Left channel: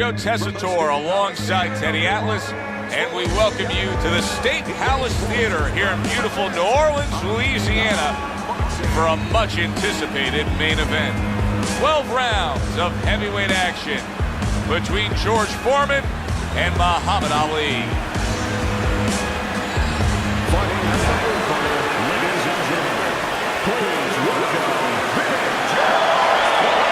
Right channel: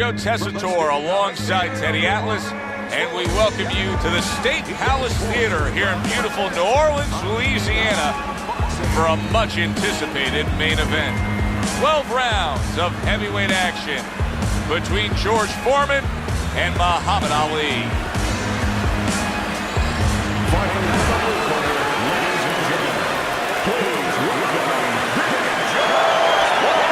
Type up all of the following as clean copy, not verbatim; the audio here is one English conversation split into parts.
Joe Tessitore alongside Teddy Atlas, and we welcome you to the State Palace Theater here in beautiful New Orleans, Louisiana, for a much-anticipated main event. 12 rounds of heavyweight action between George Foreman and Muhammad Ali. Fighting out of the blue corner, ladies and gentlemen, please welcome Big George Foreman.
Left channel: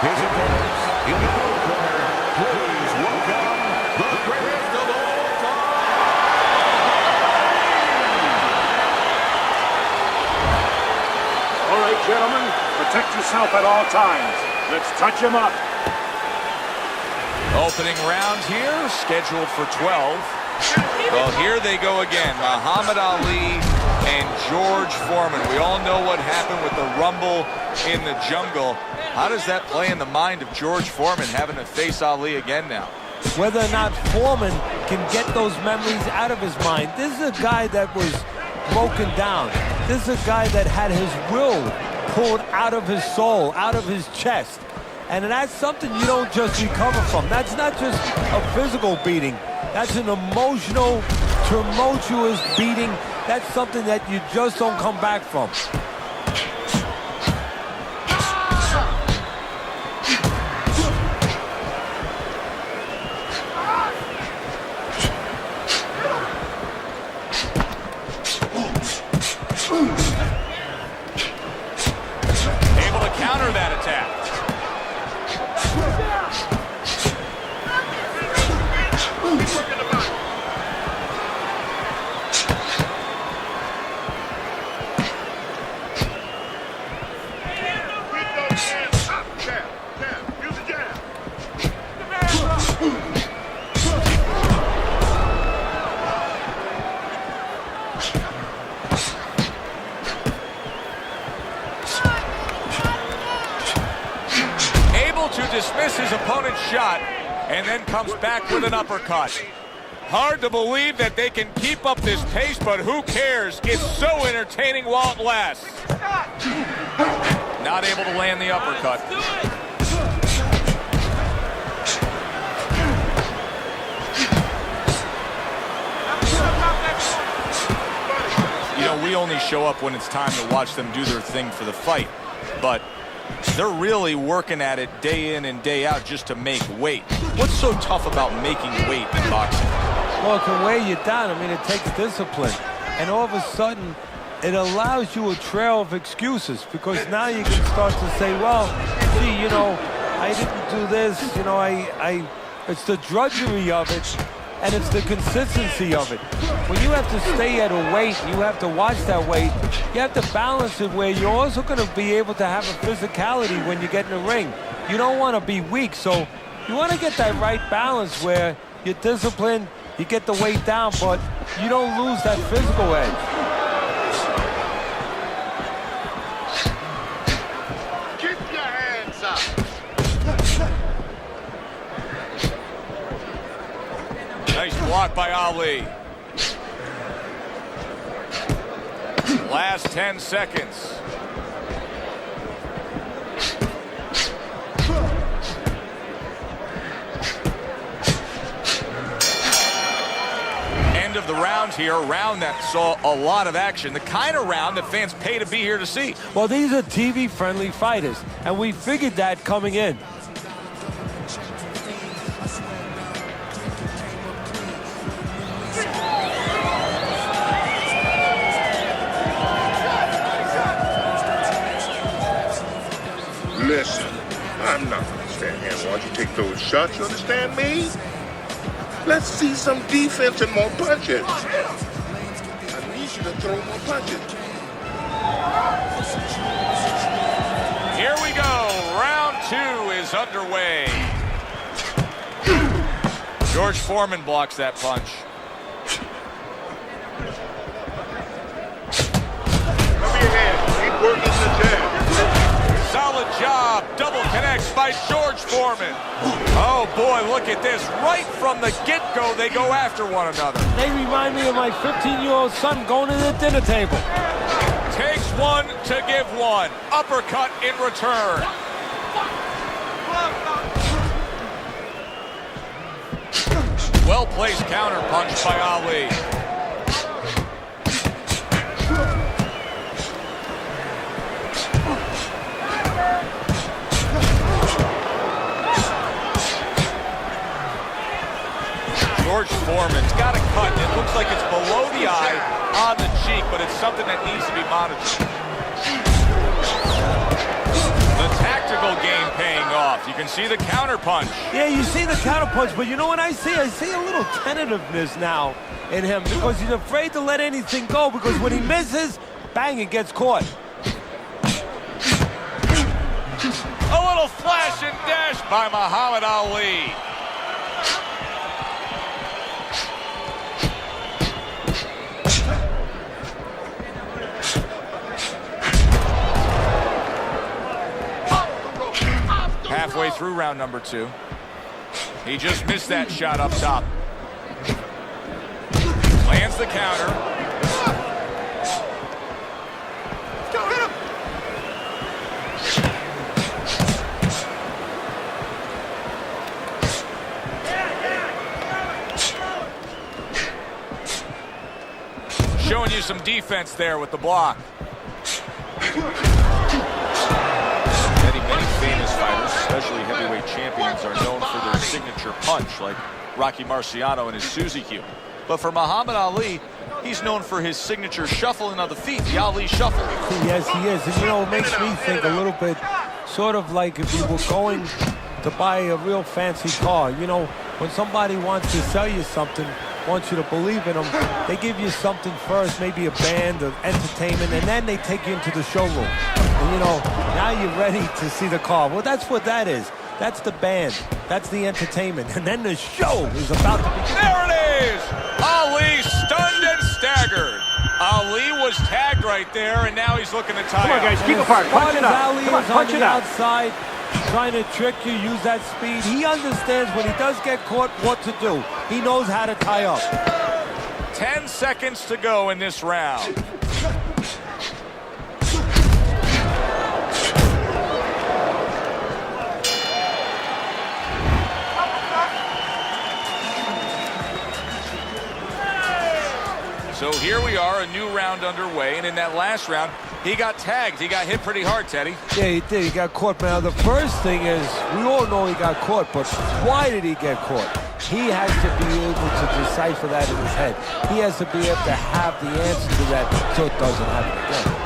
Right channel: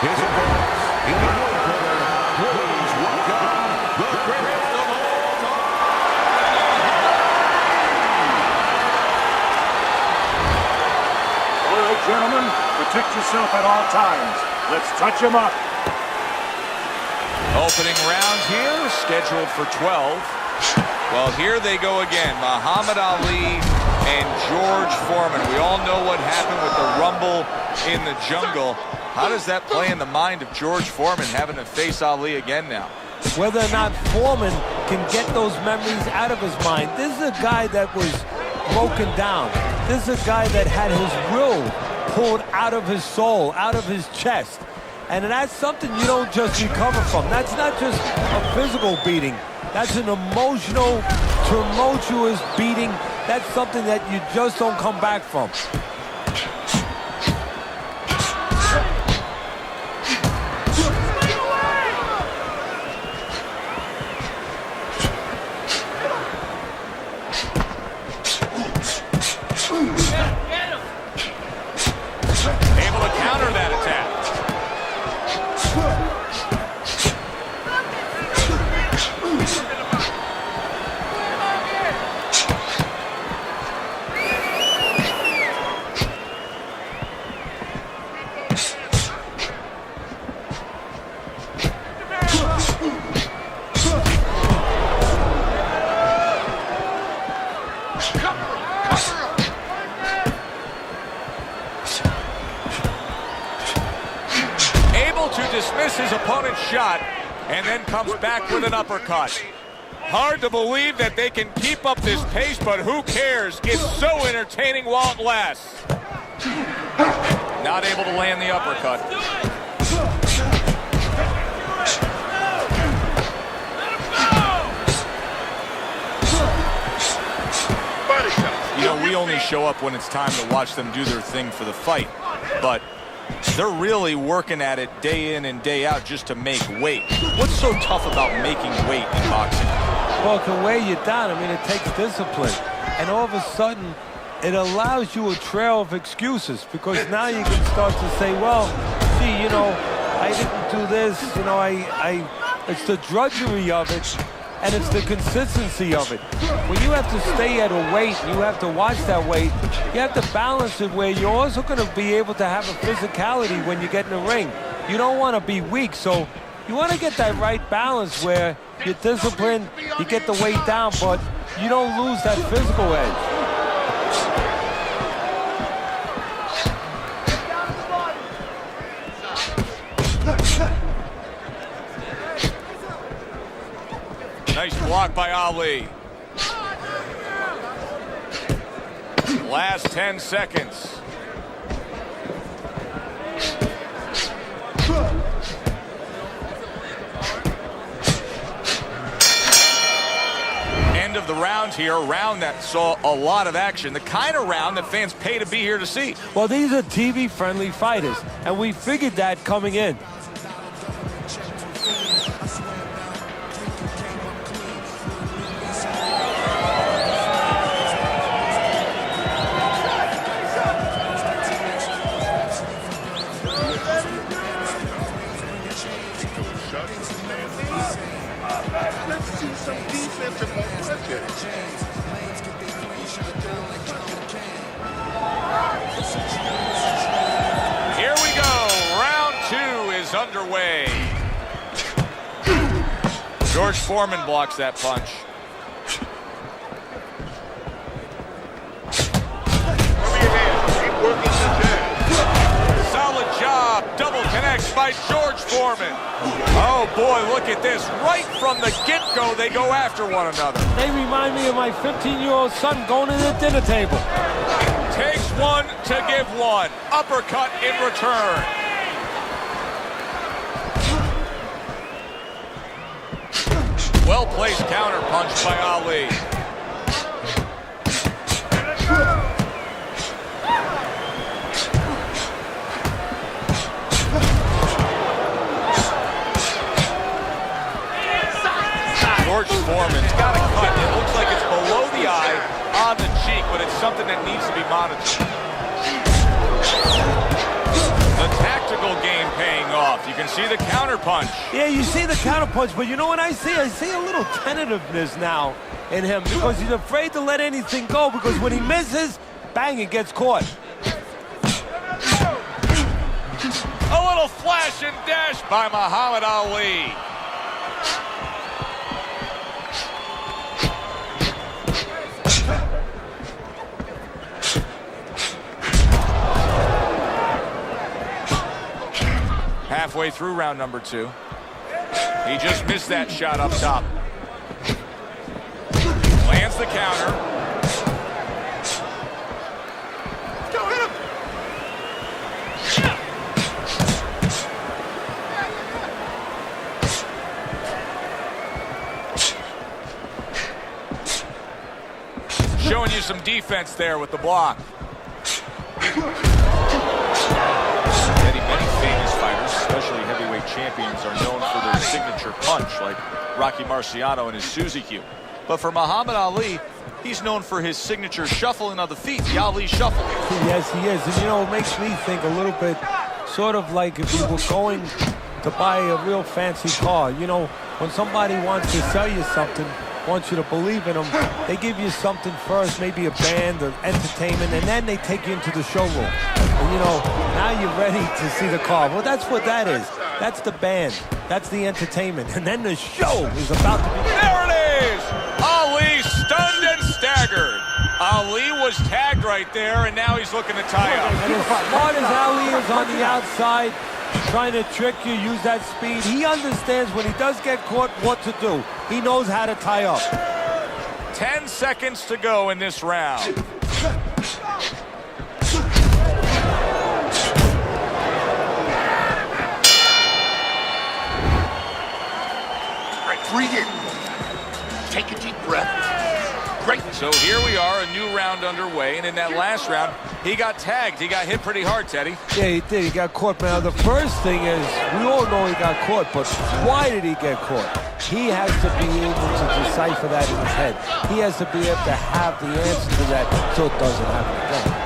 His opponents in the blue corner, please welcome the greatest of all time, Muhammad Ali. All right, gentlemen, protect yourself at all times. Let's touch him up. Opening round here, scheduled for 12. Well, here they go again, Muhammad Ali and George Foreman. We all know what happened with the rumble in the jungle. How does that play in the mind of George Foreman having to face Ali again now? Whether or not Foreman can get those memories out of his mind. This is a guy that was broken down. This is a guy that had his will pulled out of his soul, out of his chest. And that's something you don't just recover from. That's not just a physical beating. That's an emotional, tumultuous beating. That's something that you just don't come back from. Able to counter that attack. To dismiss his opponent's shot and then comes back with an uppercut. Hard to believe that they can keep up this pace, but who cares? It's so entertaining while it lasts. Not able to land the uppercut. You know, we only show up when it's time to watch them do their thing for the fight, but they're really working at it day in and day out just to make weight. What's so tough about making weight in boxing? Well, it can weigh you down. I mean, it takes discipline. And all of a sudden, it allows you a trail of excuses, because now you can start to say, well, gee, you know, I didn't do this. You know, it's the drudgery of it, and it's the consistency of it. When you have to stay at a weight and you have to watch that weight, you have to balance it where you're also going to be able to have a physicality when you get in the ring. You don't want to be weak, so you want to get that right balance where you're disciplined, you get the weight down, but you don't lose that physical edge. Nice block by Ali. Last 10 seconds. End of the round here, a round that saw a lot of action, the kind of round that fans pay to be here to see. Well, these are TV-friendly fighters, and we figured that coming in. Listen, I'm not going to stand here while you take those shots, you understand me? Let's see some defense and more punches. I need you to throw more punches. Here we go, round 2 is underway. George Foreman blocks that punch. Solid job, double connects by George Foreman. Oh boy, look at this. Right from the get-go, they go after one another. They remind me of my 15-year-old son going to the dinner table. Takes one to give one. Uppercut in return. Well-placed counter punch by Ali. George Foreman's got a cut. It looks like it's below the eye on the cheek, but it's something that needs to be monitored. The tactical game paying off. You can see the counter punch. Yeah, you see the counter punch, but you know what I see? I see a little tentativeness now in him because he's afraid to let anything go, because when he misses, bang, it gets caught. A little flash and dash by Muhammad Ali. Halfway through round number 2. He just missed that shot up top. Lands the counter. Showing you some defense there with the block. Many famous fighters, especially heavyweight champions, are known for their signature punch, like Rocky Marciano and his Suzy Q. But for Muhammad Ali, he's known for his signature shuffling of the feet, the Ali shuffle. Yes, he is. And, you know, it makes me think a little bit sort of like if you were going to buy a real fancy car. You know, when somebody wants to sell you something, wants you to believe in them, they give you something first, maybe a band or entertainment, and then they take you into the showroom. And, you know, now you're ready to see the car. Well, that's what that is. That's the band. That's the entertainment. And then the show is about to begin. There it is! Ali stunned and staggered. Ali was tagged right there, and now he's looking to tie up. And as smart as Ali is on the outside, trying to trick you, use that speed, he understands when he does get caught what to do. He knows how to tie up. 10 seconds to go in this round. Take a deep breath. So here we are, a new round underway, and in that last round, he got tagged. He got hit pretty hard, Teddy. Yeah, he did. He got caught. Now, the first thing is, we all know he got caught, but why did he get caught? He has to be able to decipher that in his head. He has to be able to have the answer to that so it doesn't happen again.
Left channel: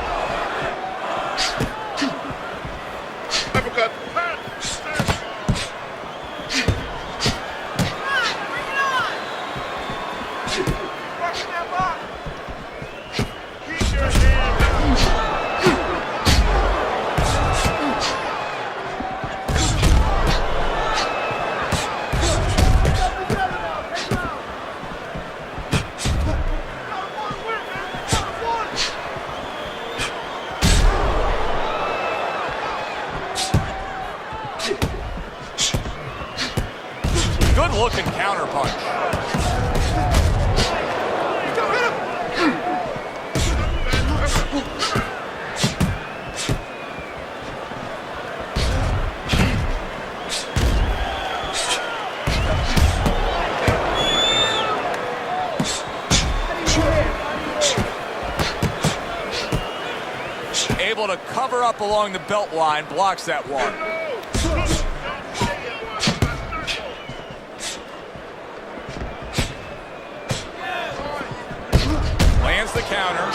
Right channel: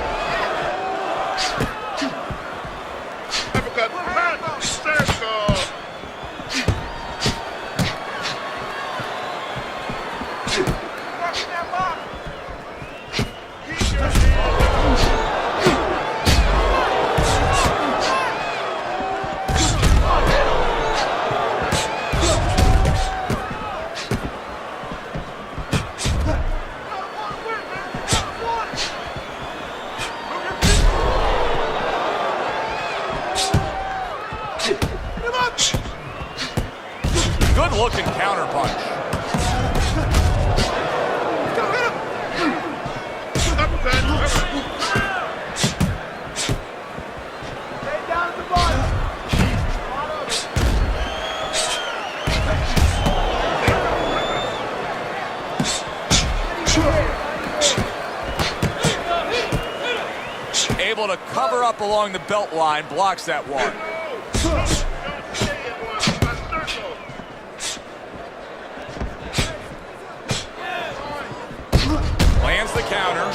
Good-looking counter punch. Able to cover up along the belt line, blocks that one. Lands the counter.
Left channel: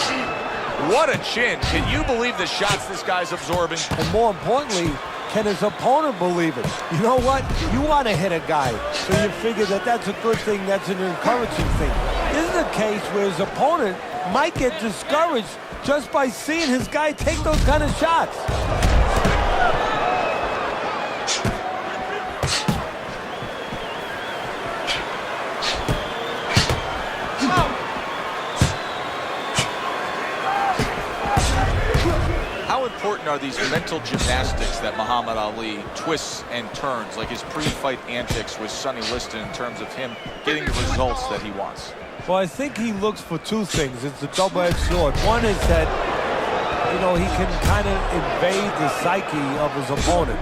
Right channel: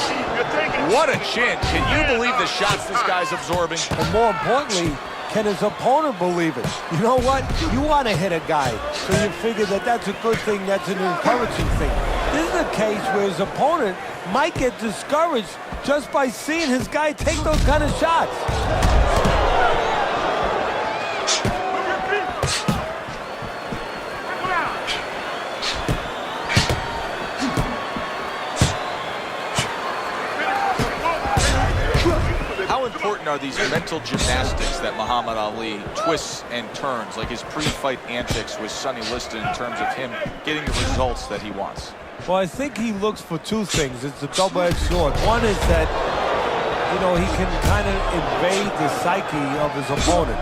What a chin. Can you believe the shots this guy's absorbing? And more importantly, can his opponent believe it? You know what? You want to hit a guy, so you figure that that's a good thing, that's an encouraging thing. This is a case where his opponent might get discouraged just by seeing his guy take those kind of shots. How important are these mental gymnastics that Muhammad Ali twists and turns, like his pre-fight antics with Sonny Liston, in terms of him getting the results that he wants? Well, I think he looks for two things. It's a double-edged sword. One is that, you know, he can kind of invade the psyche of his opponent.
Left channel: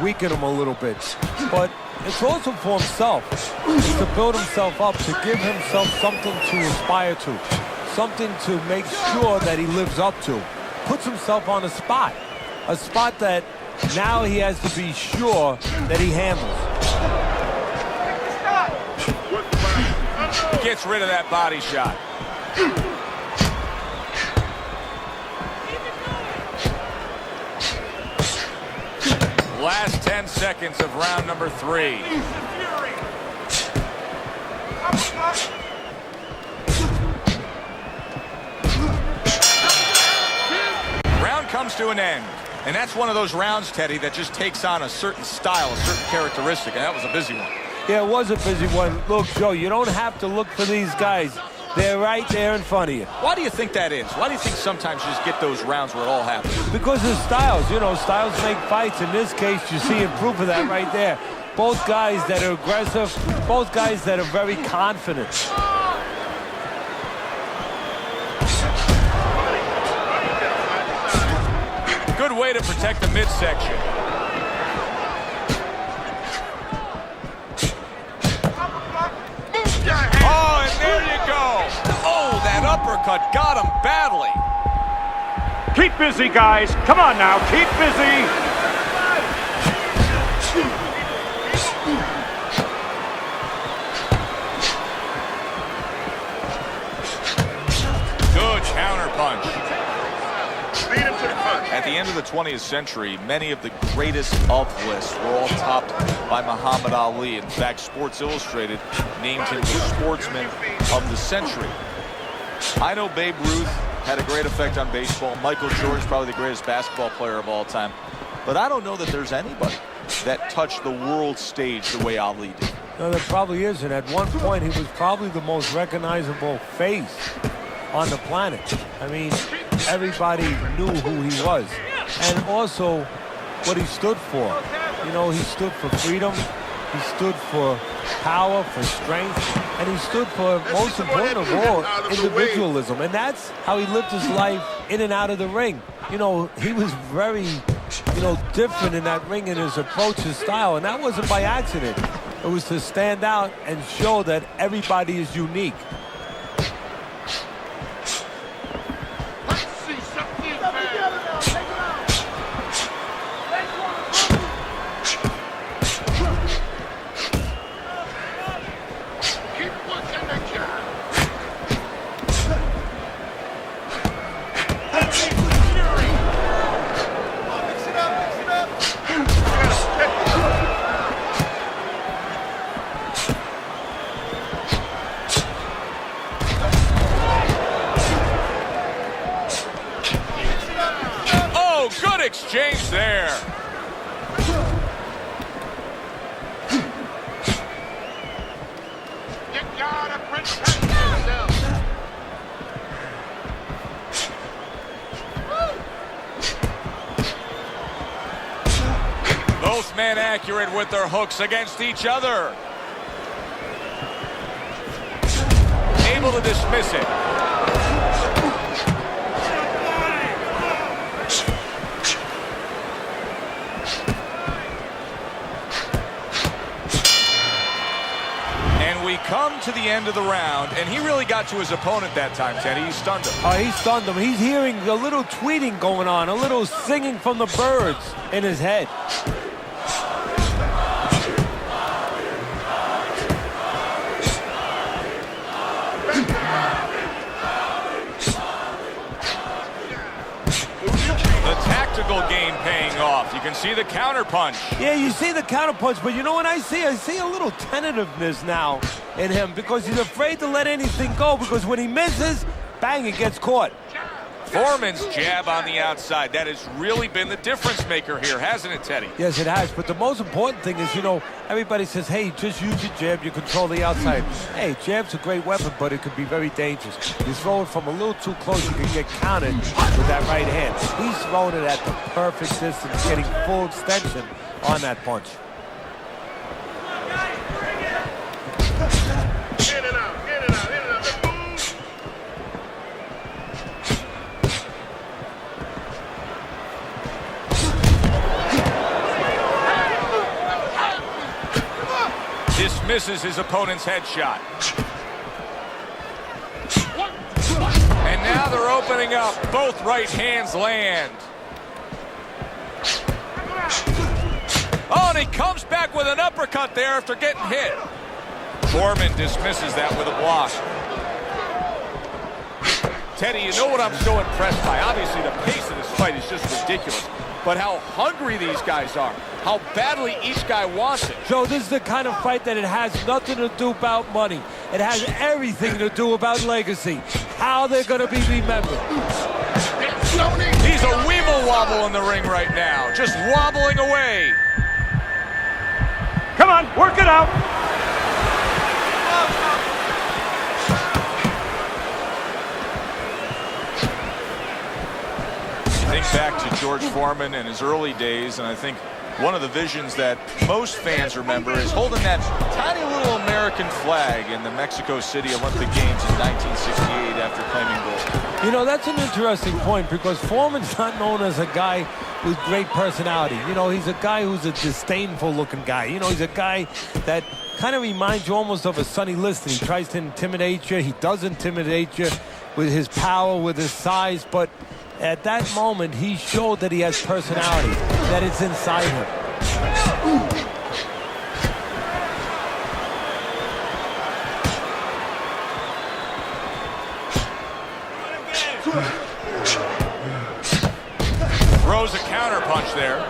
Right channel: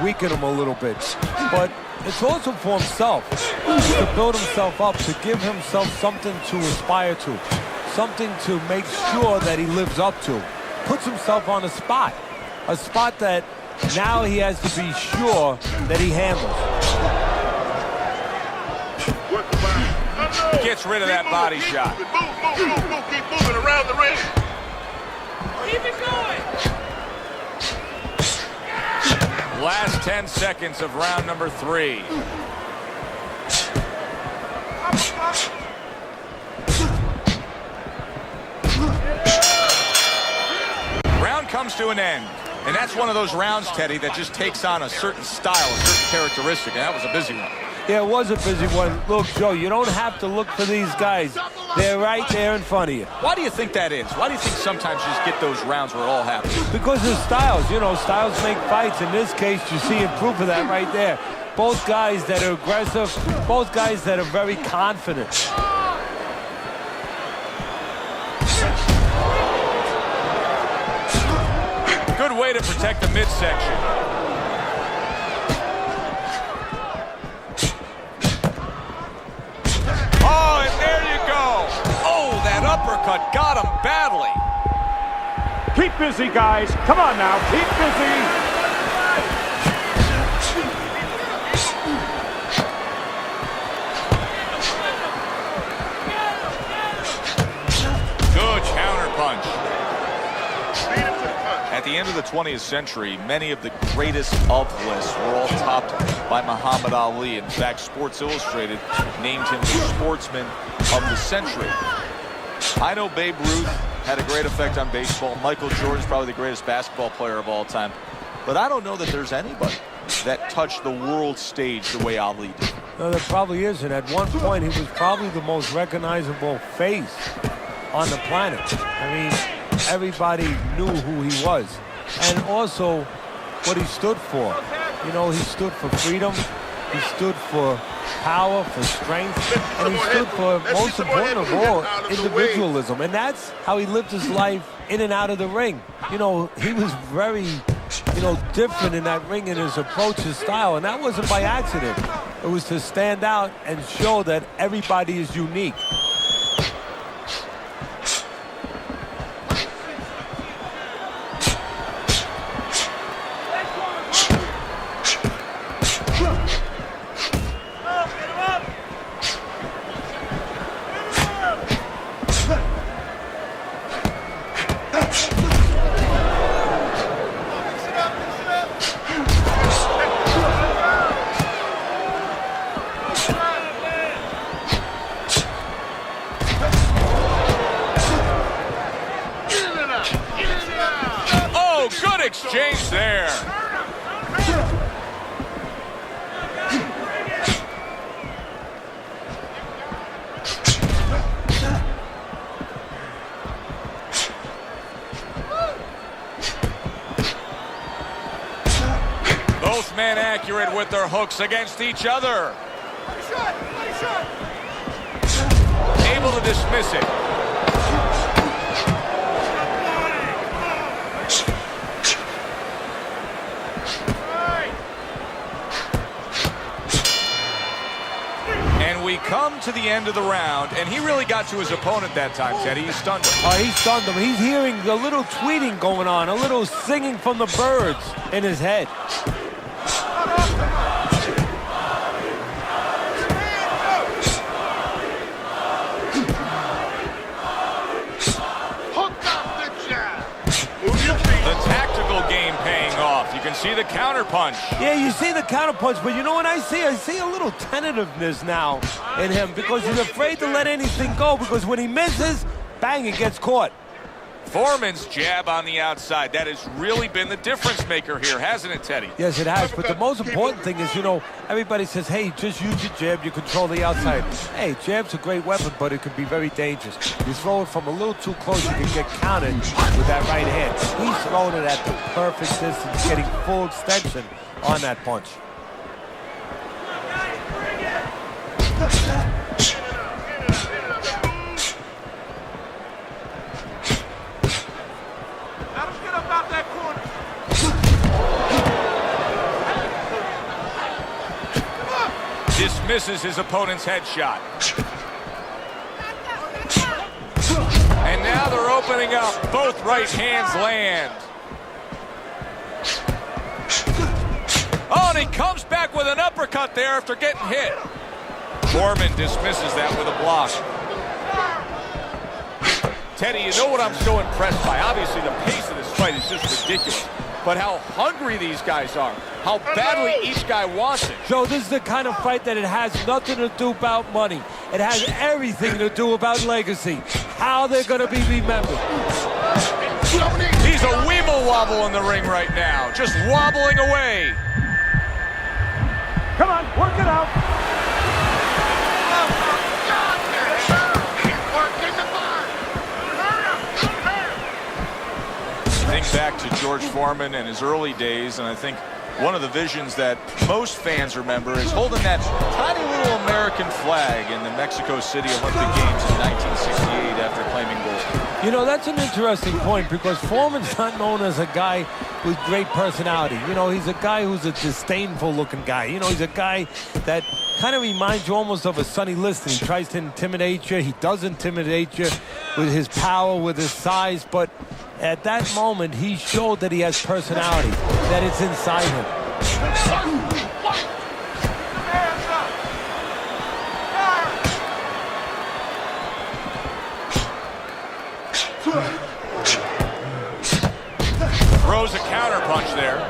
weaken him a little bit. But it's also for himself. It's to build himself up, to give himself something to aspire to, something to make sure that he lives up to. Puts himself on a spot that now he has to be sure that he handles. Gets rid of that body shot. Last 10 seconds of round number 3. Round comes to an end. And that's one of those rounds, Teddy, that just takes on a certain style, a certain characteristic. And that was a busy one. Yeah, it was a busy one. Look, Joe, you don't have to look for these guys. They're right there in front of you. Why do you think that is? Why do you think sometimes you just get those rounds where it all happens? Because of styles. You know, styles make fights. In this case, you're seeing proof of that right there. Both guys that are aggressive, both guys that are very confident. Good way to protect the midsection. Oh, and there you go. Oh, that uppercut got him badly. Keep busy, guys. Come on now, keep busy. Good counter punch. Beat him to the punch. At the end of the 20th century, many of the greatest of lists were all topped by Muhammad Ali. In fact, Sports Illustrated named him the sportsman of the century. I know Babe Ruth had a great effect on baseball. Michael Jordan is probably the greatest basketball player of all time. But I don't know that there's anybody that touched the world stage the way Ali did. No, there probably isn't. At one point, he was probably the most recognizable face on the planet. I mean, everybody knew who he was. And also what he stood for. You know, he stood for freedom. He stood for power, for strength. And he stood for, most important of all, individualism. And that's how he lived his life in and out of the ring. You know, he was very, different in that ring in his approach, his style. And that wasn't by accident. It was to stand out and show that everybody is unique. Good exchange there. Both men accurate with their hooks against each other. Able to dismiss it. And we come to the end of the round, and he really got to his opponent that time, Teddy. He stunned him. He stunned him. He's hearing a little tweeting going on, a little singing from the birds in his head. The tactical game paying off. You can see the counter punch. Yeah, you see the counter punch, but you know what I see? I see a little tentativeness now in him because he's afraid to let anything go because when he misses, bang, it gets caught. Forman's jab on the outside. That has really been the difference maker here, hasn't it, Teddy? Yes, it has. But the most important thing is, everybody says, hey, just use your jab. You control the outside. Hey, jab's a great weapon, but it could be very dangerous. You throw it from a little too close, you can get countered with that right hand. He's throwing it at the perfect distance, getting full extension on that punch. In and out, in and out, in and out. Let's move. Dismisses his opponent's headshot. And now they're opening up. Both right hands land. Oh, and he comes back with an uppercut there after getting hit. Форман dismisses that with a block. Teddy, you know what I'm so impressed by? Obviously, the pace of this fight is just ridiculous. But how hungry these guys are. How badly each guy wants it. Joe, this is the kind of fight that it has nothing to do about money. It has everything to do about legacy. How they're going to be remembered. He's a weeble wobble in the ring right now. Just wobbling away. Come on, work it out. Think back to George Foreman and his early days, and I think one of the visions that most fans remember is holding that tiny little American flag in the Mexico City Olympic Games in 1968 after claiming gold. You know, that's an interesting point because Foreman's not known as a guy with great personality. You know, he's a guy who's a disdainful looking guy. You know, he's a guy that kind of reminds you almost of a Sonny Liston. He tries to intimidate you. He does intimidate you with his power, with his size, but at that moment, he showed that he has personality, that it's inside him. Throws a counter punch there.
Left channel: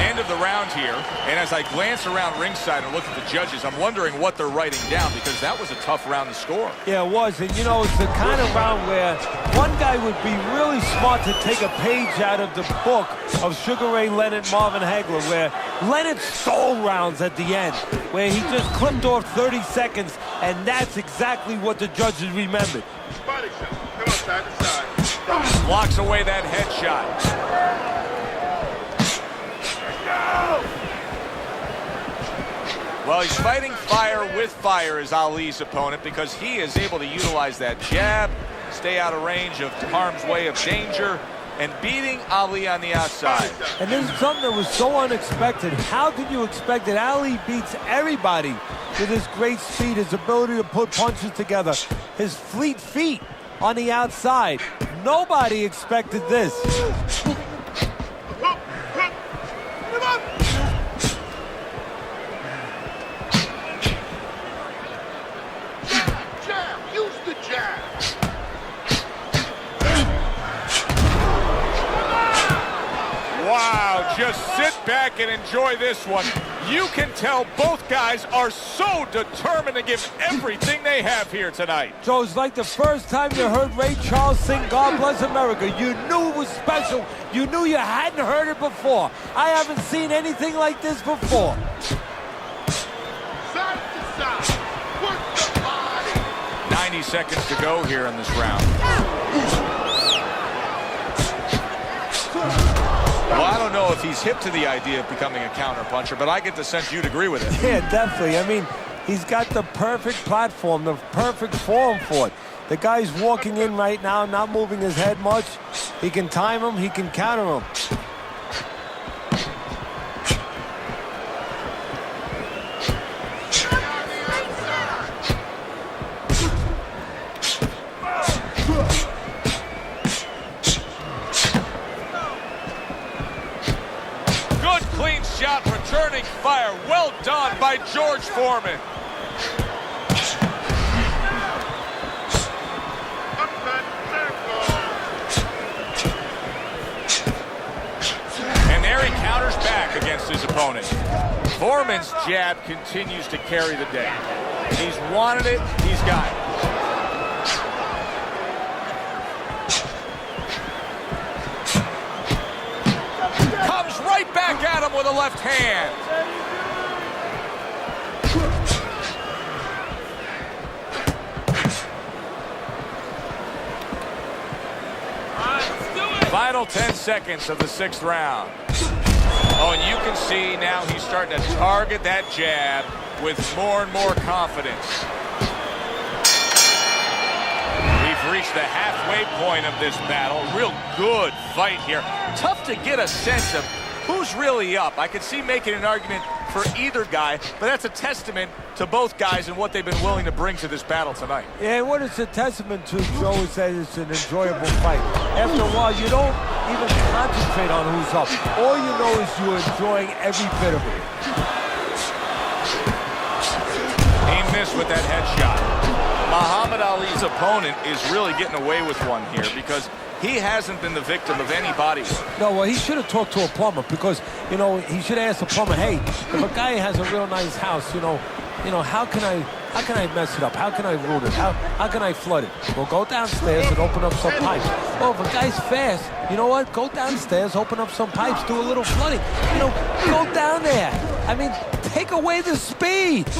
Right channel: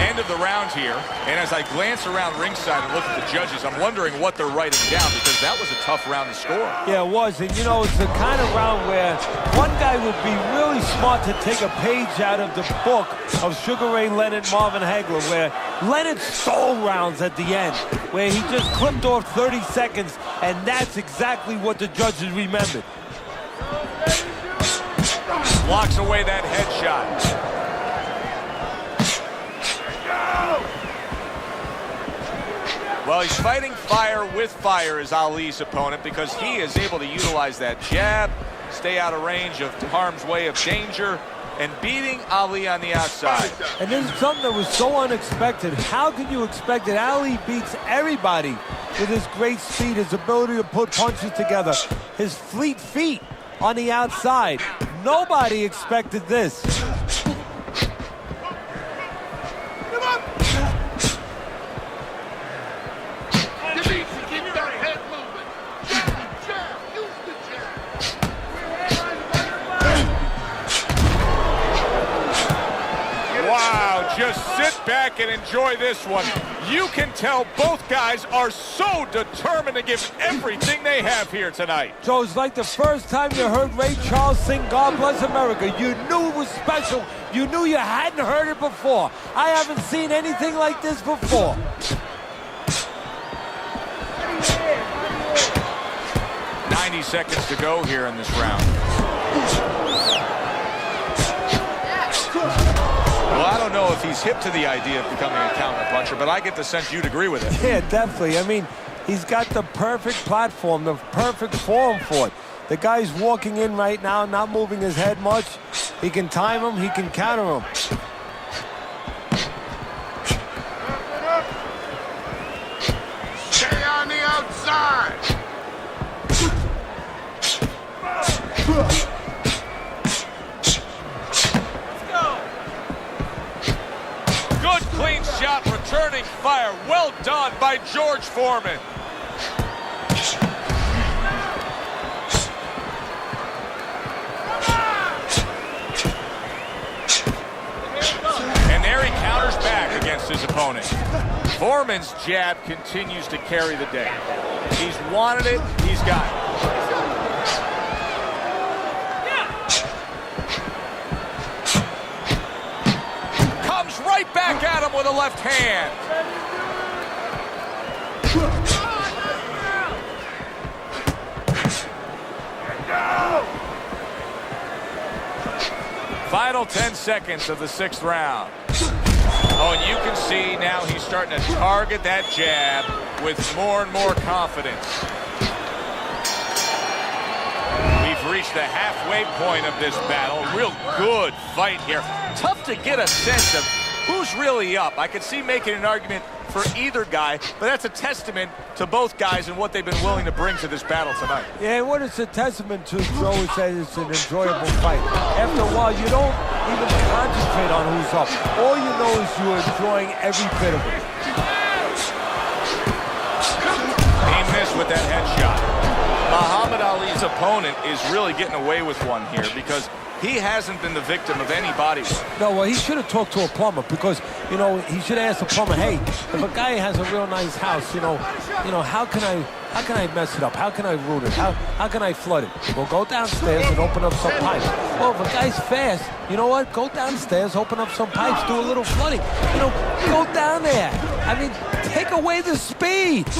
End of the round here, and as I glance around ringside and look at the judges, I'm wondering what they're writing down because that was a tough round to score. Yeah, it was, and you know, it's the kind of round where one guy would be really smart to take a page out of the book of Sugar Ray Leonard, Marvin Hagler, where Leonard stole rounds at the end, where he just clipped off 30 seconds, and that's exactly what the judges remembered. Blocks away that headshot. Well, he's fighting fire with fire as Ali's opponent because he is able to utilize that jab, stay out of range of harm's way of danger, and beating Ali on the outside. And this is something that was so unexpected. How could you expect that Ali beats everybody with his great speed, his ability to put punches together, his fleet feet on the outside? Nobody expected this. Wow, just sit back and enjoy this one. You can tell both guys are so determined to give everything they have here tonight. So it's like the first time you heard Ray Charles sing God Bless America. You knew it was special. You knew you hadn't heard it before. I haven't seen anything like this before. .90 seconds to go here in this round. Well, I don't know if he's hip to the idea of becoming a counter-puncher, but I get the sense you'd agree with it. Yeah, definitely. I mean, he's got the perfect platform, the perfect form for it. The guy's walking in right now, not moving his head much. He can time him, he can counter him. Clean shot, returning fire. Well done by George Foreman. And there he counters back against his opponent. Foreman's jab continues to carry the day. He's wanted it, he's got it. Right back at him with a left hand. Final 10 seconds of the 6th round. Oh, and you can see now he's starting to target that jab with more and more confidence. We've reached the halfway point of this battle. Real good fight here. Tough to get a sense of who's really up. I could see making an argument for either guy, but that's a testament to both guys and what they've been willing to bring to this battle tonight. Yeah, and what it's a testament to, Joe, is that it's an enjoyable fight. After a while, you don't even concentrate on who's up. All you know is you're enjoying every bit of it. He missed with that headshot. Muhammad Ali's opponent is really getting away with one here because he hasn't been the victim of any body work. No, well, he should have talked to a plumber because, you know, he should have asked the plumber, hey, if a guy has a real nice house, you know, how can I mess it up? How can I ruin it? How can I flood it? Well, go downstairs and open up some pipes. Well, if a guy's fast, you know what? Go downstairs, open up some pipes, do a little flooding. You know, go down there. I mean, take away the speed.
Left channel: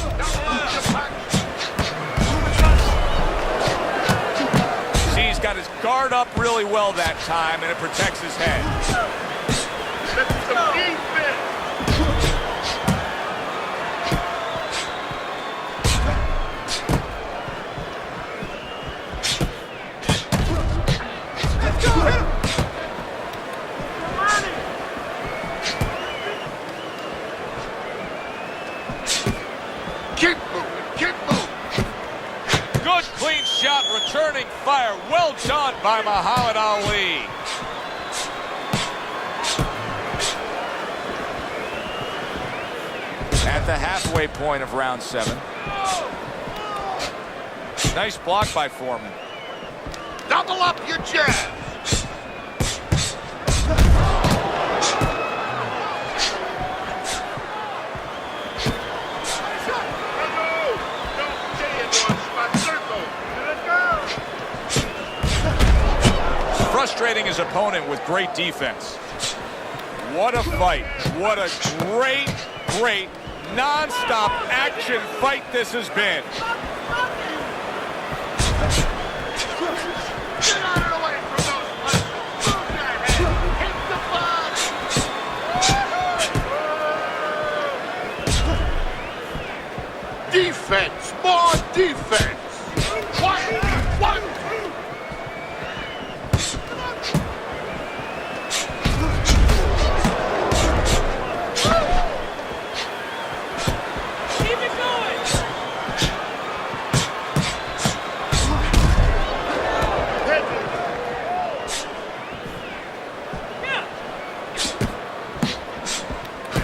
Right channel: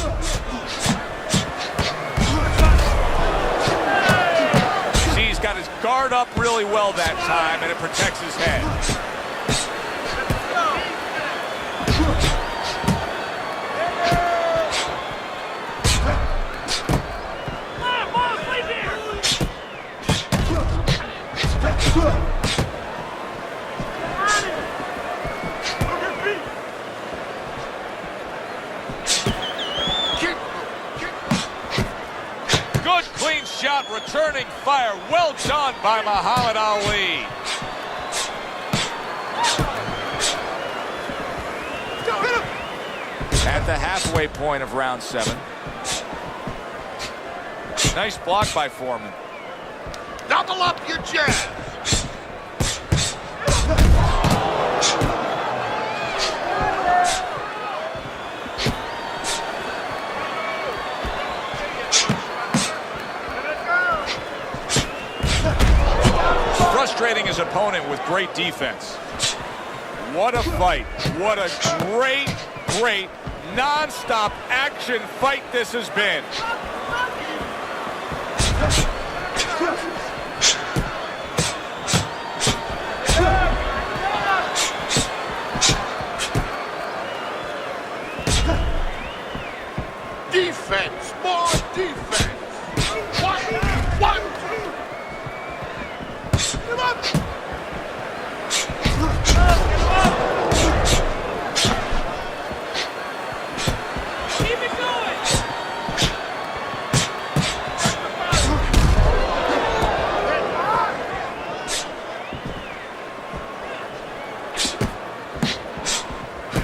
He's got his guard up really well that time, and it protects his head. Good clean shot, returning fire. Well done by Muhammad Ali. At the halfway point of round 7. Nice block by Foreman. Frustrating his opponent with great defense. What a fight. What a great, non-stop action fight this has been.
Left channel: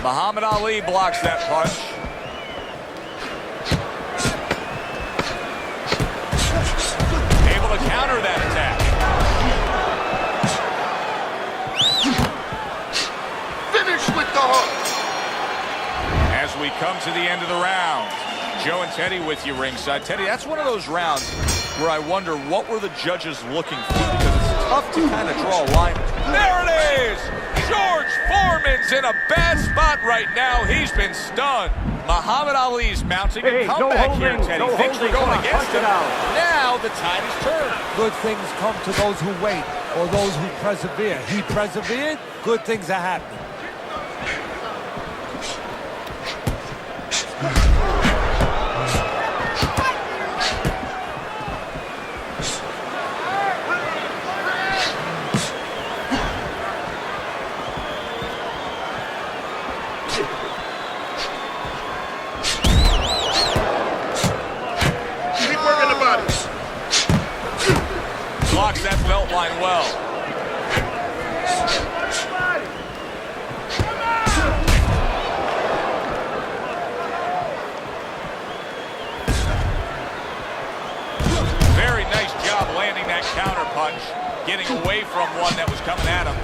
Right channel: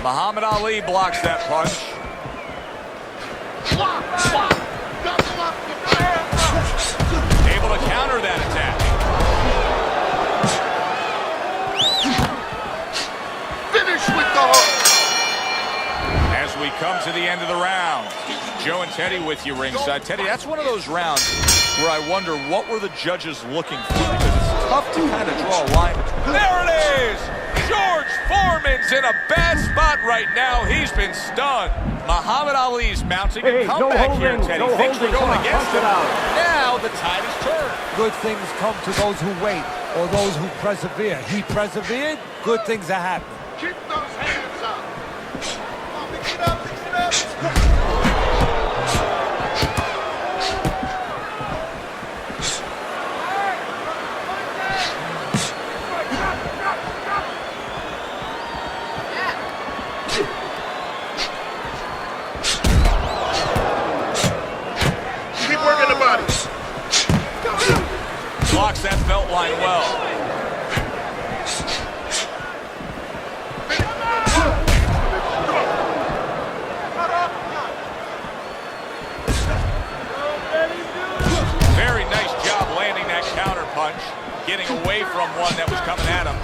Muhammad Ali blocks that punch. Able to counter that attack. As we come to the end of the round, Joe and Teddy with you ringside. Teddy, that's one of those rounds where I wonder what were the judges looking for, because it's tough to kind of draw a line between. There it is! George Foreman's in a bad spot right now. He's been stunned. Muhammad Ali's mounting a comeback here, Teddy. Things were going against him. Now the tide is turned. Good things come to those who wait or those who persevere. He persevered, good things are happening. Keep those hands up. Blocks that belt line well. Very nice job landing that counter punch, getting away from one that was coming at him.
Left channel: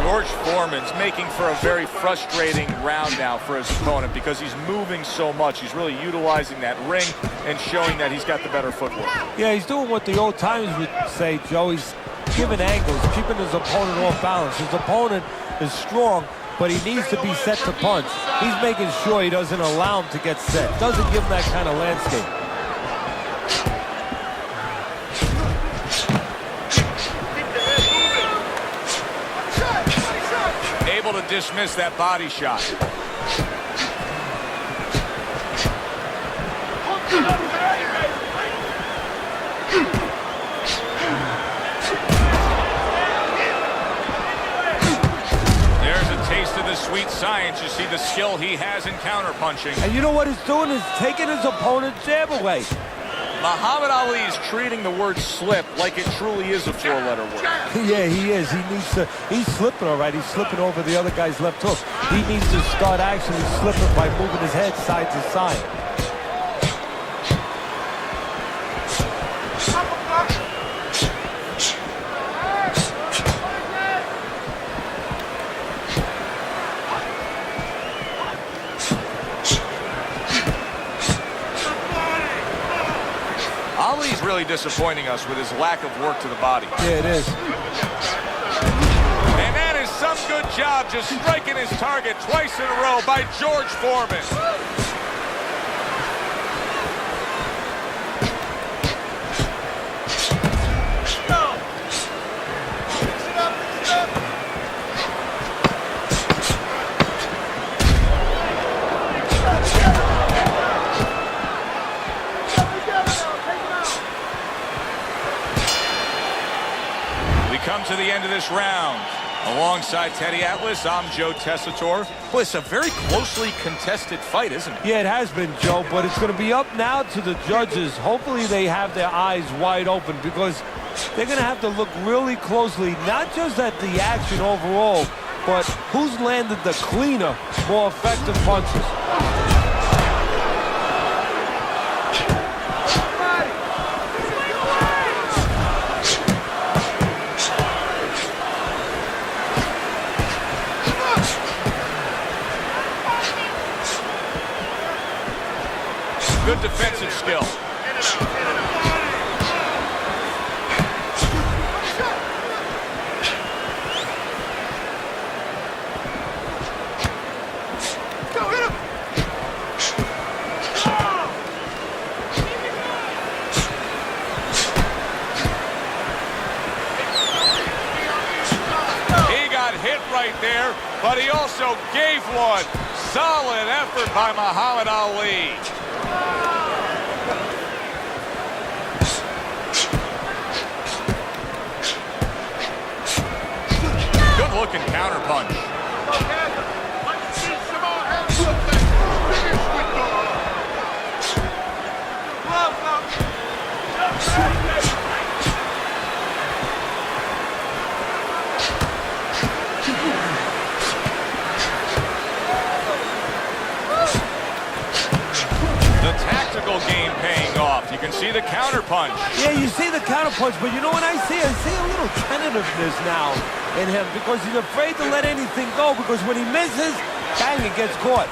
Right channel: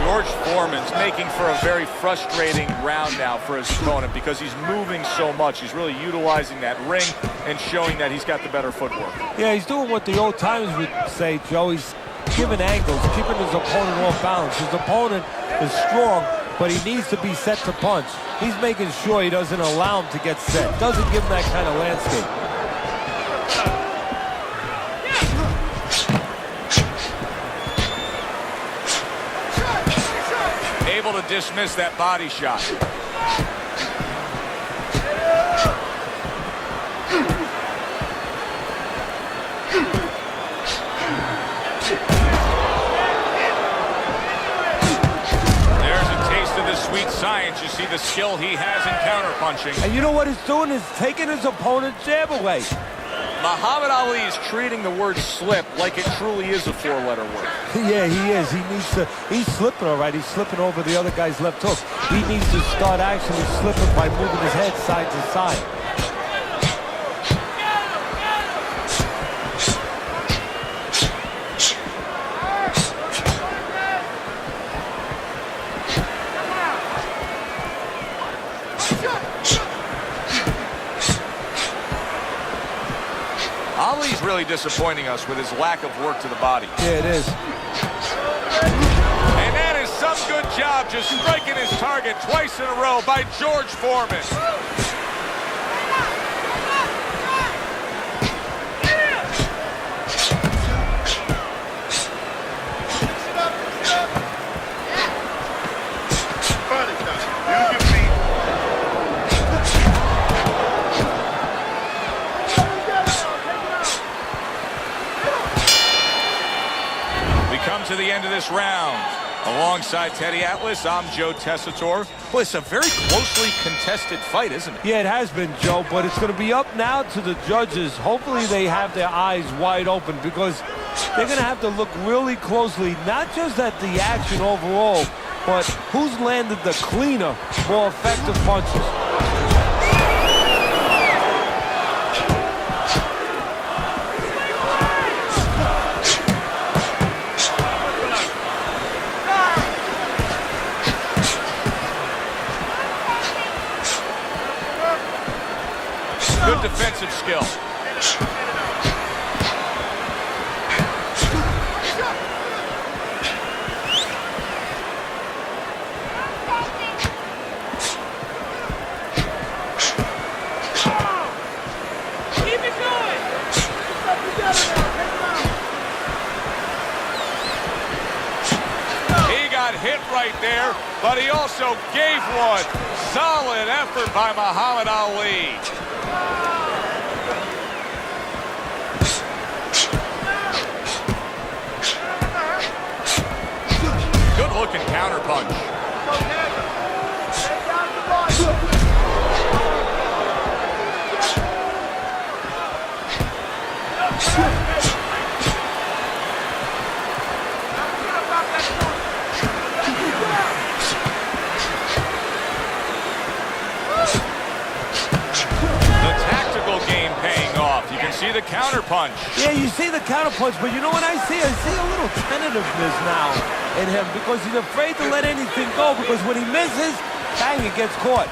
George Foreman's making for a very frustrating round now for his opponent because he's moving so much. He's really utilizing that ring and showing that he's got the better footwork. Yeah, he's doing what the old timers would say, Joe. He's giving angles, keeping his opponent off balance. His opponent is strong, but he needs to be set to punch. He's making sure he doesn't allow him to get set. Doesn't give him that kind of landscape. Able to dismiss that body shot. sweet science. You see the skill he has in counterpunching. And you know what he's doing is taking his opponent's jab away. Muhammad Ali is treating the word slip like it truly is a four-letter word. Yeah, he is. He needs to. He's slipping all right. He's slipping over the other guy's left hook. He needs to start actually slipping by moving his head side to side. Ali's really disappointing us with his lack of work to the body. Yeah, it is. And that is some good job just striking his target twice in a row by George Foreman. Come to the end of this round. Alongside Teddy Atlas, I'm Joe Tessitore. Boy, it's a very closely contested fight, isn't it? Yeah, it has been, Joe, but it's going to be up now to the judges. Hopefully they have their eyes wide open because they're going to have to look really closely, not just at the action overall, but who's landed the cleaner, more effective punches. Good defensive skill. He got hit right there, but he also gave one. Solid effort by Muhammad Ali. Good-looking counterpunch. The tactical game paying off. You can see the counterpunch. Yeah, you see the counterpunch, but you know what I see? I see a little tentativeness now in him because he's afraid to let anything go because when he misses, bang, it gets caught.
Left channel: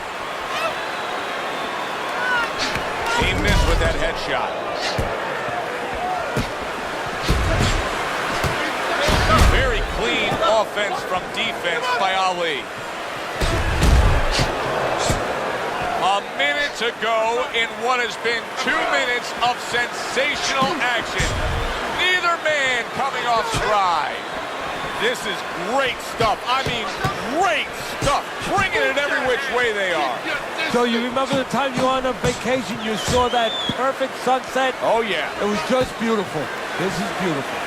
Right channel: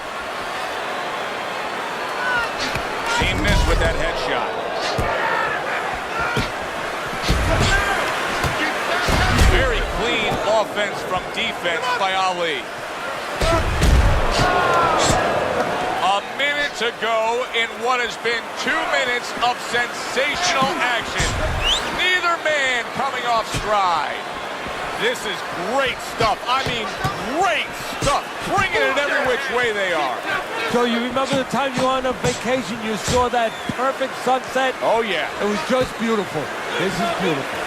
He missed with that headshot. Very clean offense from defense by Ali. A minute to go in what has been 2 minutes of sensational action. Neither man coming off stride. This is great stuff. I mean, great stuff. Bringing it every which way they are. So you remember the time you were on a vacation, you saw that perfect sunset? Oh, yeah. It was just beautiful. This is beautiful.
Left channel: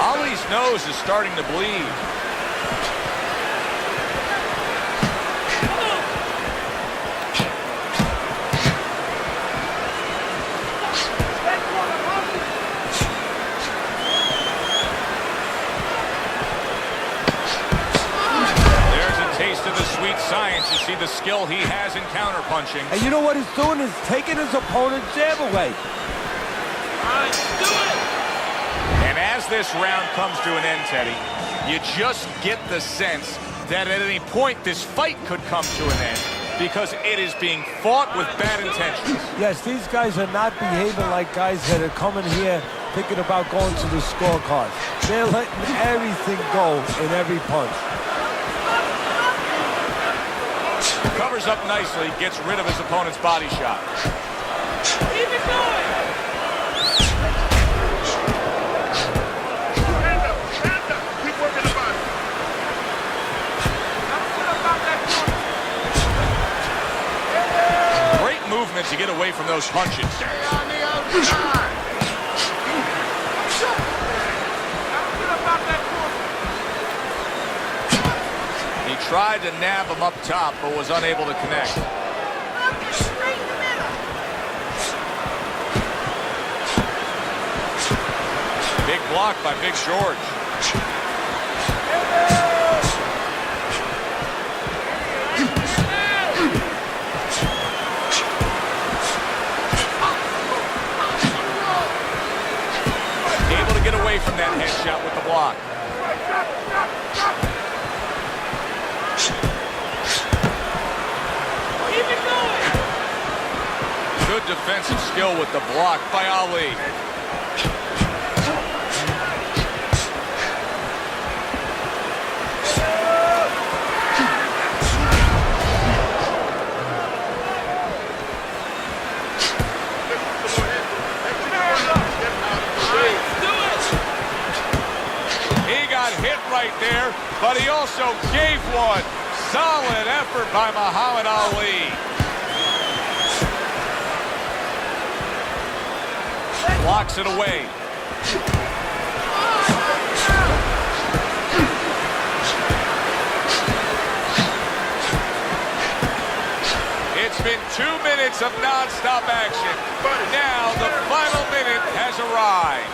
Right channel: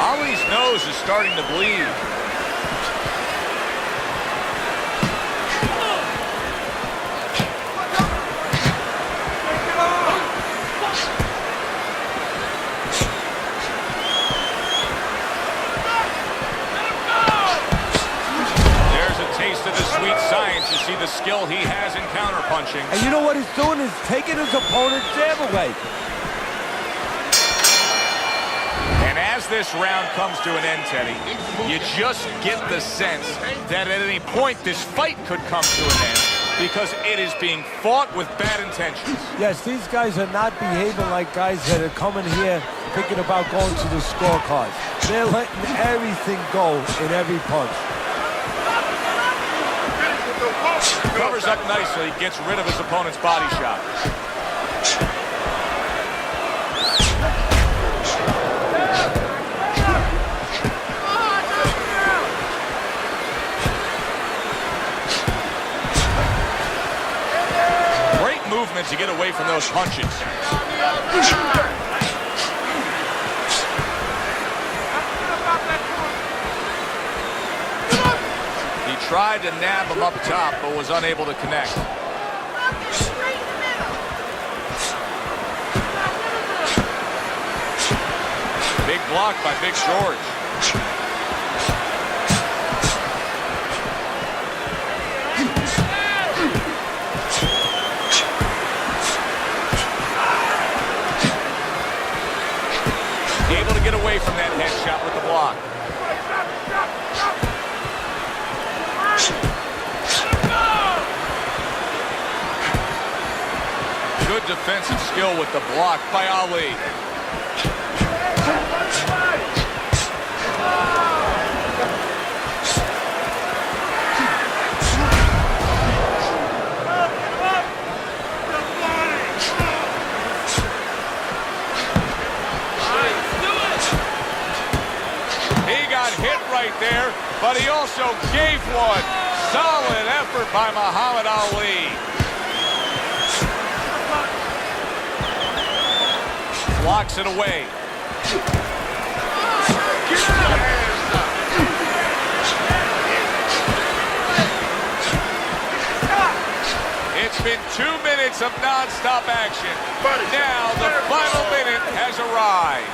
Ali's nose is starting to bleed. There's a taste of the sweet science. You see the skill he has in counterpunching. And you know what he's doing is taking his opponent's jab away. And as this round comes to an end, Teddy, you just get the sense that at any point this fight could come to an end because it is being fought with bad intentions. Yes, these guys are not behaving like guys that are coming here thinking about going to the scorecards. They're letting everything go in every punch. Covers up nicely, gets rid of his opponent's body shot. Great move movement to get away from those punches. He tried to nab him up top, but was unable to connect. Big block by Big George. Able to get away from that headshot with the block. Good defensive skill with the block by Ali. Hit right there, but he also gave one. Solid effort by Muhammad Ali. Blocks it away. It's been 2 minutes of non-stop action. Now the final minute has arrived.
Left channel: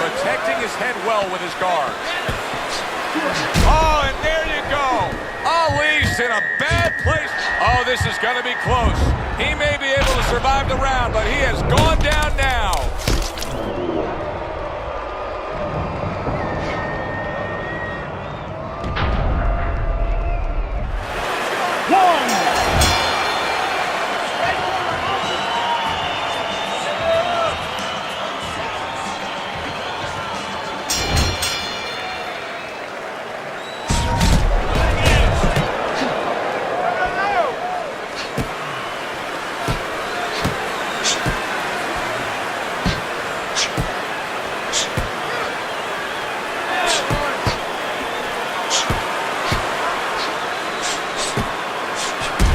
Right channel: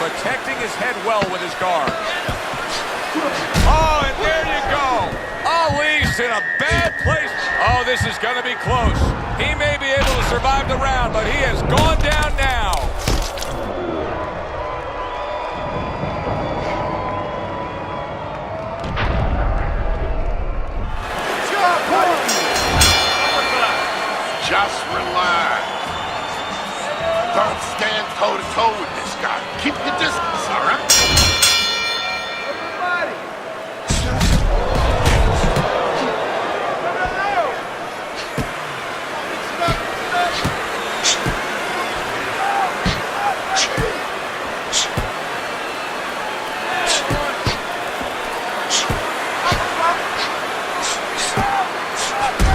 Protecting his head well with his guard. Oh, and there you go. Ali's in a bad place. Oh, this is going to be close. He may be able to survive the round, but he has gone down now. Just relax. Don't stand toe-to-toe with this guy. Keep your distance, all right?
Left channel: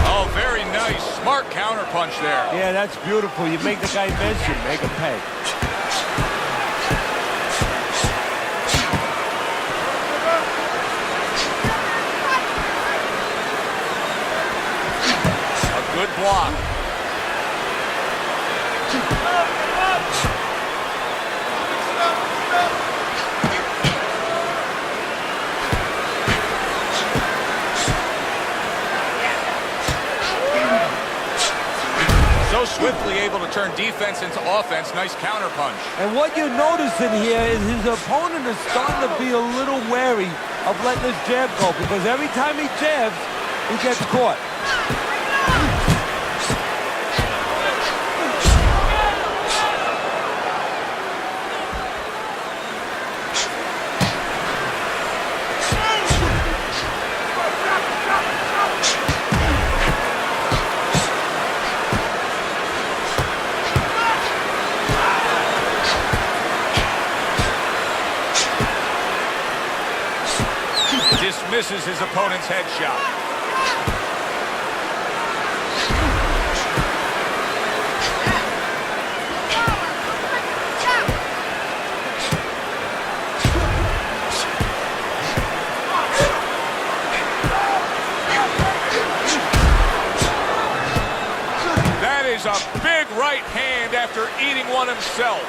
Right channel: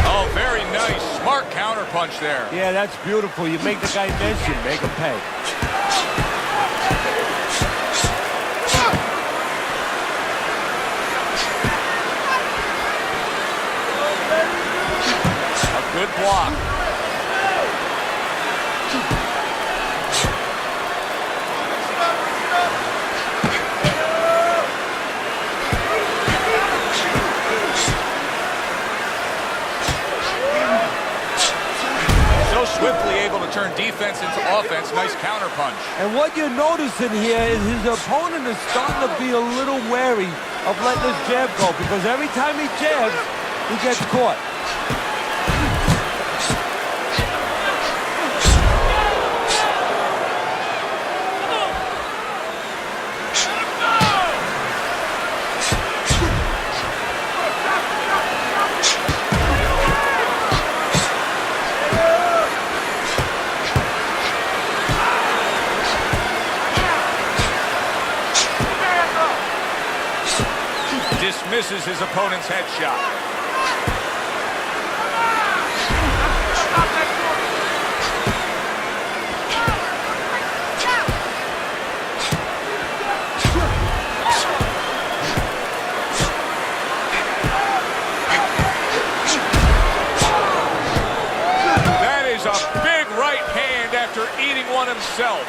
Oh, very nice. Smart counterpunch there. Yeah, that's beautiful. You make the guy miss, you make him pay. Good block. So swiftly able to turn defense into offense. Nice counterpunch. And what you're noticing here is his opponent is starting to be a little wary of letting his jab go, because every time he jabs, he gets caught. Dismisses his opponent's headshot. That is a big right hand after eating one himself.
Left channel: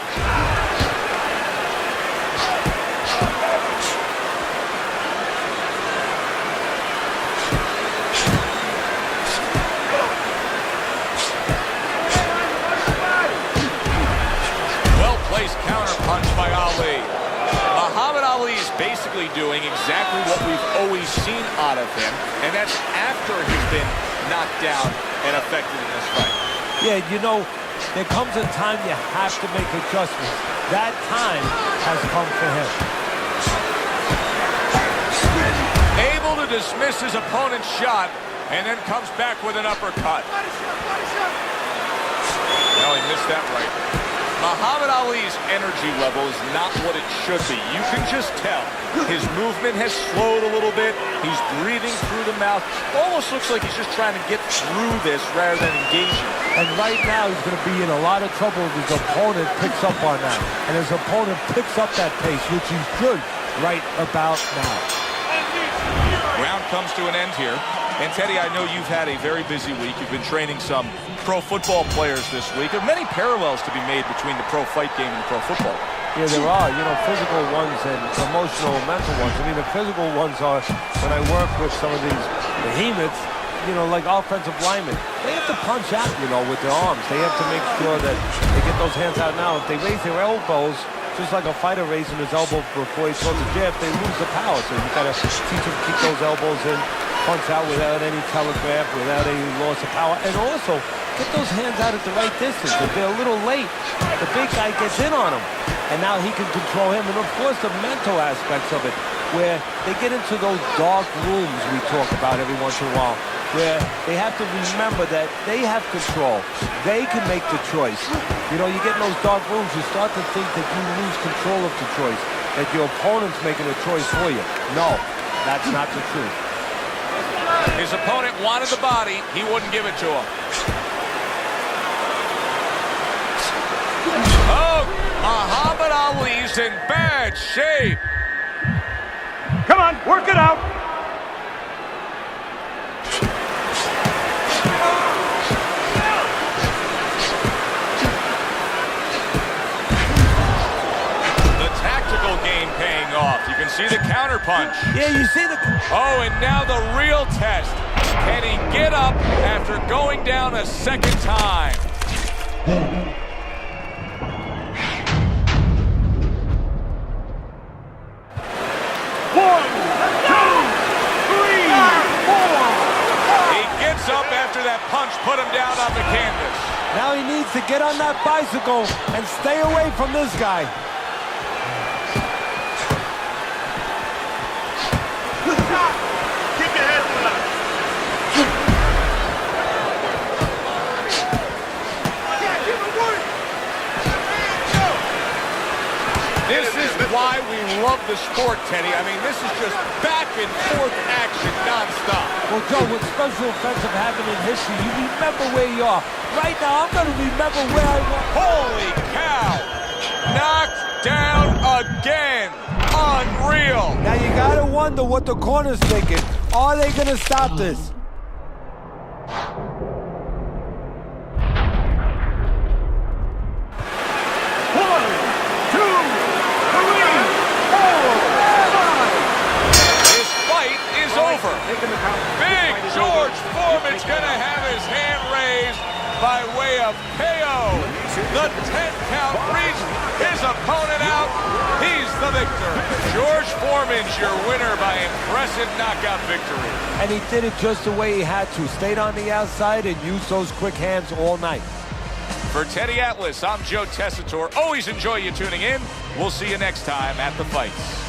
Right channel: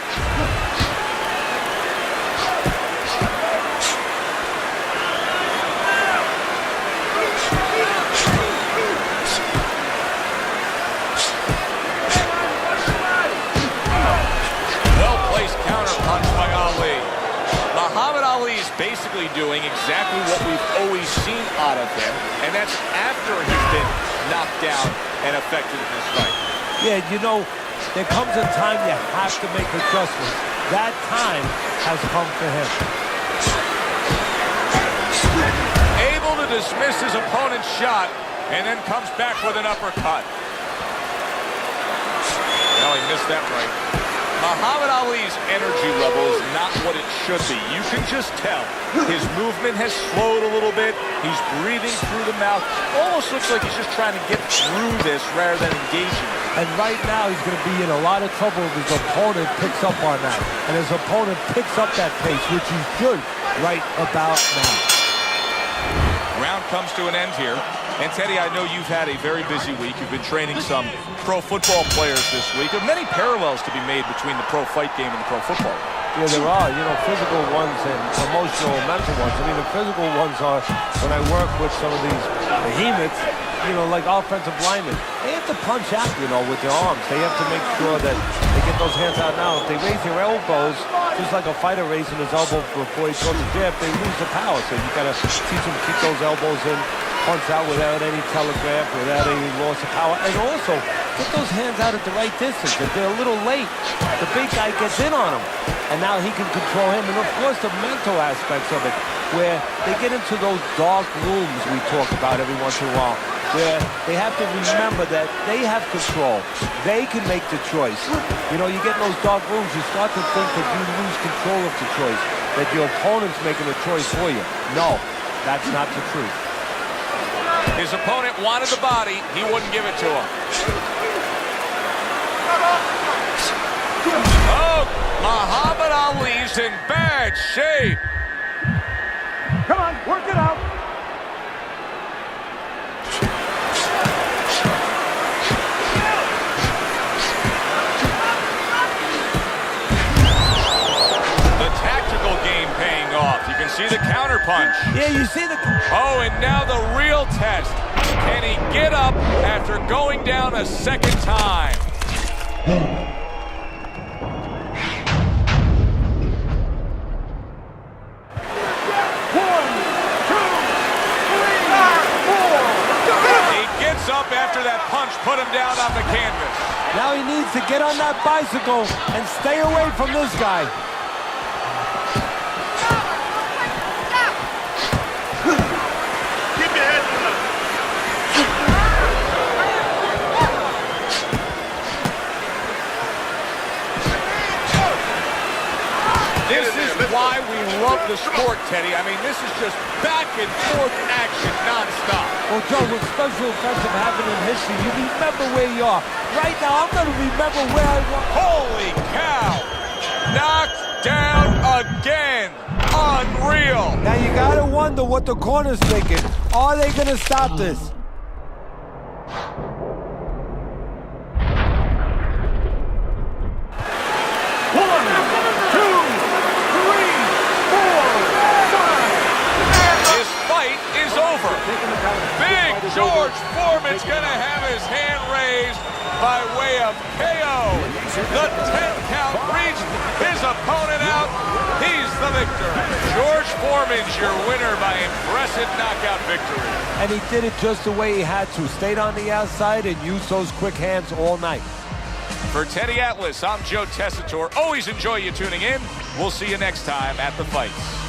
Ali. Muhammad Ali is basically doing exactly what we've always seen out of him, and that's after he's been knocked down and affected in this fight. Yeah, you know, there comes a time you have to make adjustments. That time has come for him. Able to dismiss his opponent's shot, and then comes back with an uppercut. Well, he missed that right. Muhammad Ali's energy level is not what it should be. You can just tell. His movement has slowed a little bit. He's breathing through the mouth. Almost looks like he's just trying to get through this rather than engaging. And right now he's going to be in a lot of trouble if his opponent picks up on that. And his opponent picks up that pace, which he should right about now. Round comes to an end here. And Teddy, I know you've had a very busy week. You've been training some pro football players this week. There are many parallels to be made between the pro fight game and the pro football game. Yeah, there are, you know, physical ones and emotional, mental ones. I mean, the physical ones are when I work with some of these behemoths, you know, like offensive linemen. They have to punch out, you know, with their arms. They have to make sure that they get those hands out now. If they raise their elbows, just like a fighter raising his elbow before he throws a jab, they lose the power. So you got to teach them to keep those elbows in, punch out without any telegraph, without any loss of power, and also get those hands out at the right distance. If they're a little late, the big guy gets in on him, and now he can control him. And of course, the mental aspects of it, where they get into those dark rooms we talk about every once in a while, where they have to remember that they have control. They can make the choice. You know, you get in those dark rooms, you start to think that you lose control of the choice, that your opponent's making a choice for you. No, that's not the truth. His opponent wanted the body. He wouldn't give it to him. Oh, Muhammad Ali's in bad shape. Come on, work it out. The tactical game paying off. You can see the counter punch. Yeah, you see the... Oh, and now the real test. Can he get up after going down a second time? He gets up after that punch put him down on the canvas. Now he needs to get on that bicycle and stay away from this guy. This is why we love the sport, Teddy. I mean, this is just back and forth action nonstop. Well, Joe, with special effects have happened in history, you remember where you are. Right now, I'm going to remember where I was. Holy cow! Knocked down again. Unreal. Now, you got to wonder what the corner's thinking. Are they going to stop this? Over. Big George Foreman's gonna have his hand raised by way of KO. The 10 count reached, his opponent out. He's the victor. George Foreman's your winner by impressive knockout victory. And he did it just the way he had to. Stayed on the outside and used those quick hands all night. For Teddy Atlas, I'm Joe Tessitore. Always enjoy you tuning in. We'll see you next time at the fights.